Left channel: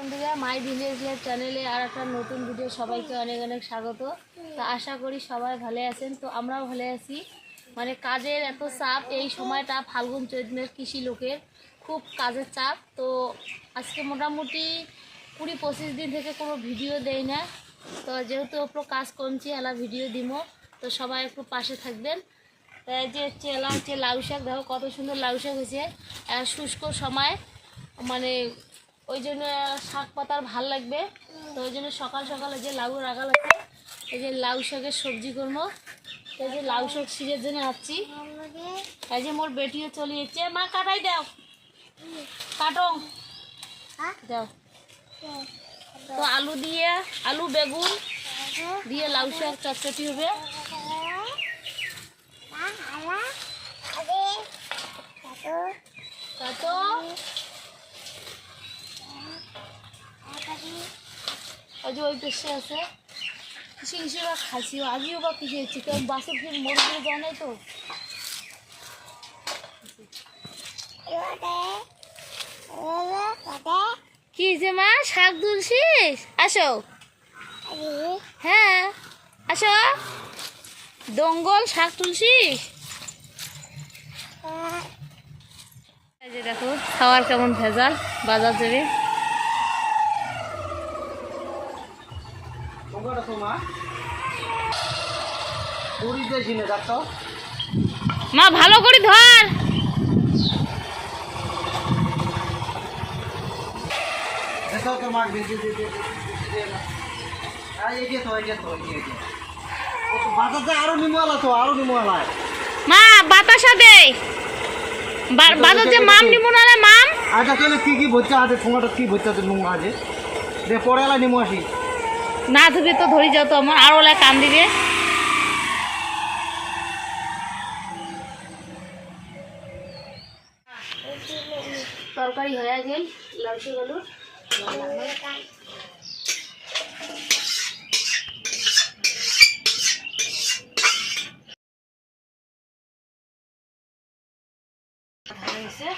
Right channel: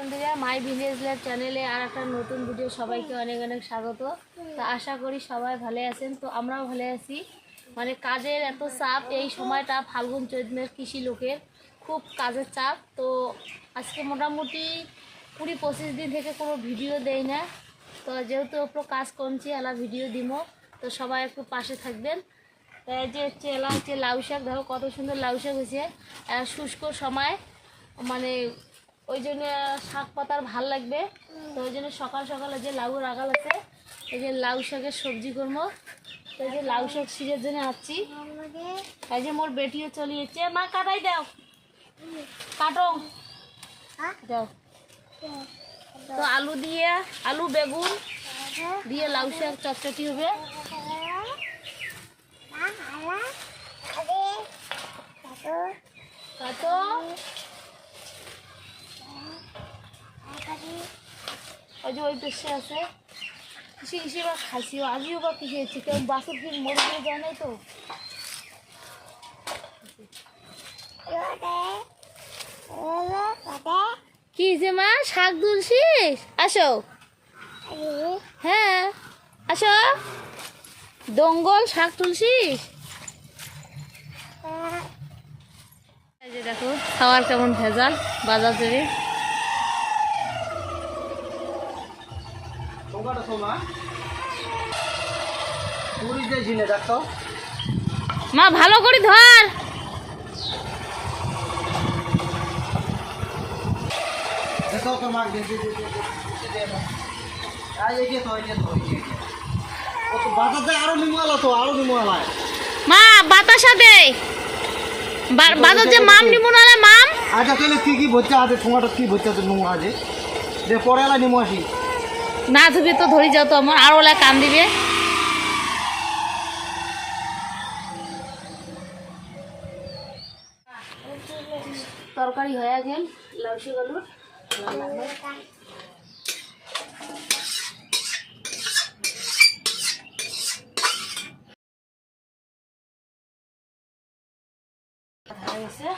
বন্ধুরা, my village lab চ্যানেলে আর একটা নতুন ভিডিও সবাইকে অনেক অনেক স্বাগত। তো আশা করি সবাই ভালো আছেন। তো আমরাও ভালো আছি। মানে কাজের এত চাপ, এই সময়টা ফাল্গুন চৈত্রের কৃষি লোকের খুব কাজের চাপ। তো আজকে মোটামুটি কুড়ি পঁচিশ দিন থেকে কোনো ভিডিও দেই না। তো যেহেতু ওপর কাজ করছি এলা ভিডিও দিব তো সবাই একটু পাশে থাকবেন। তাই যে এলা হচ্ছে লাউ শাক, দেখো কত সুন্দর লাউ শাক হয়েছে। শুষ্ক সময় মানে ওই জন্য শাক পাতার ভালো লাগবে। তো ওই জন্য সকাল সকালে যে লাউ রাখাল আছে, এই যে লাউ শাকের সবজি করব। এই যে লাউ শাক সিরের জন্য আসছি এই যে মোর বেটিও চলে যাচ্ছে মা, কাটাই দাও। কাটো। দাও। তো আলু দিয়ে, আলু, বেগুন দিয়ে লাউ শাক চটচটি হবে। কাটো। ওই যে ওই পেশে আছে। কিসে কিসে বা খাসি আমিও বা কিসে কারণ বাসের ফির মরে গিয়ে যায় তো। কি যে মা? শাক তুলছিস? আসো। হ্যাঁ আসো। দঙ্গল শাক তুলছিস? যে দেখো খাওয়ার কেমন ভেজাল বাজার যাবে টোকাটা শোনা পুরী দিয়েছি না দেখতো মা ভালো করে ধর দেখো তো মার দিয়ে দিয়ে দিয়ে আর এই যে তো এই যে তো এই যে ও তো বাজাতে আরও নিমওয়ালা তো আরও নিমওয়ালা মা দে। যে মাম মাম কি কি আছে কি না ধুবি তো ধরি যাও তো আমার আর কান দিবে। তরকারি হয়ে গেল লাউসি গলুর হয়ে গেছে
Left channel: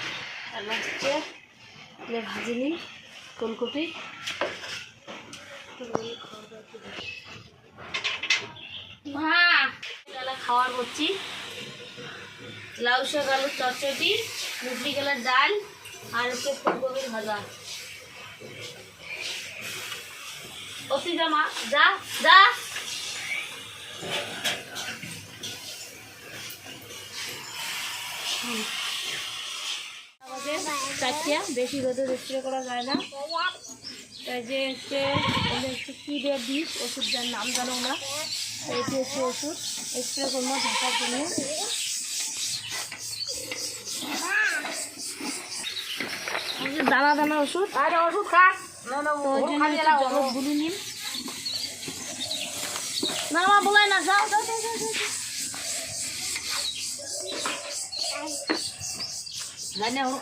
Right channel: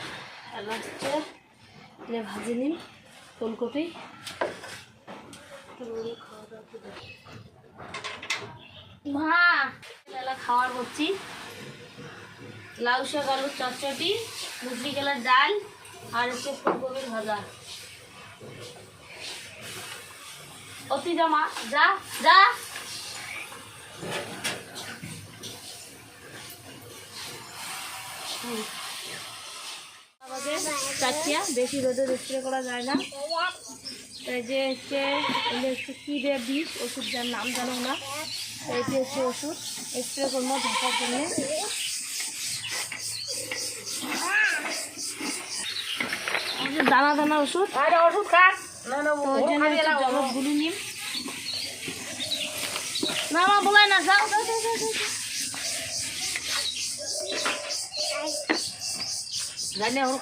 এবার ভাজি নিই, ফুলকপি। মা খাওয়ার করছি। লাউ শাক আলুর চটচটি মুসলি গেলার ডাল। আর হচ্ছে ফুলকপির ভাজা। অতি যা যা বেশি রোদে স্প্রে করা যায় না। এই যে হচ্ছে কী রে ওষুধ যার নাম জানো না এটি হচ্ছে ওষুধ। স্প্রে করব ঢাকার জন্য। দানা দানা ওষুধ ওষুধ তো ওই জন্য একটু জলত গুলি নিম। না মা বলে না যাও। যাও যাও যাও, যাও।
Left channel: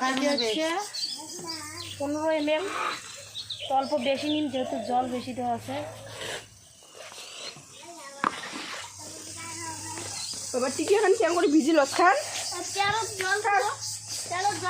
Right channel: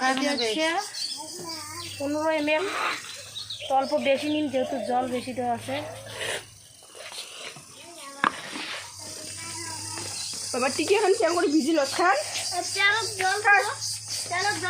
আজকে হচ্ছে? পনেরো এম এল তো অল্প বেশি নিন যেহেতু জল বেশি দেওয়া আছে। এবার টিকি এখন চেয়ার করে ভিজিল খান। জল জল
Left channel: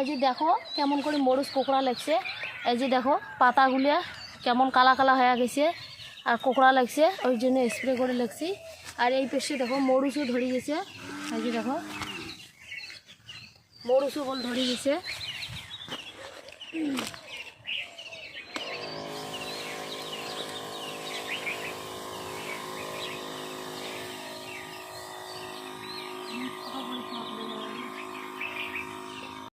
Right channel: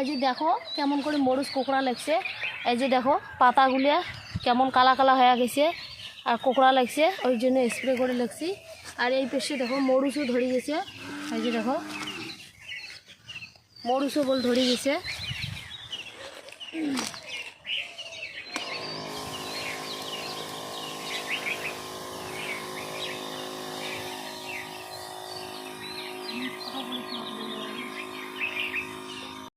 এই যে দেখো কেমন করে মরুচ কোকড়া লাগছে। এই যে দেখো পাতাগুলিয়া কেমন কালা কালা হয়ে গেছে আর কোকড়া লাগছে, ওই জন্য স্প্রে করে লাগছি। আর এই পেশে দেখো মরুচও ধরে গেছে। এই যে দেখো মরুচও বল ধরে গেছে।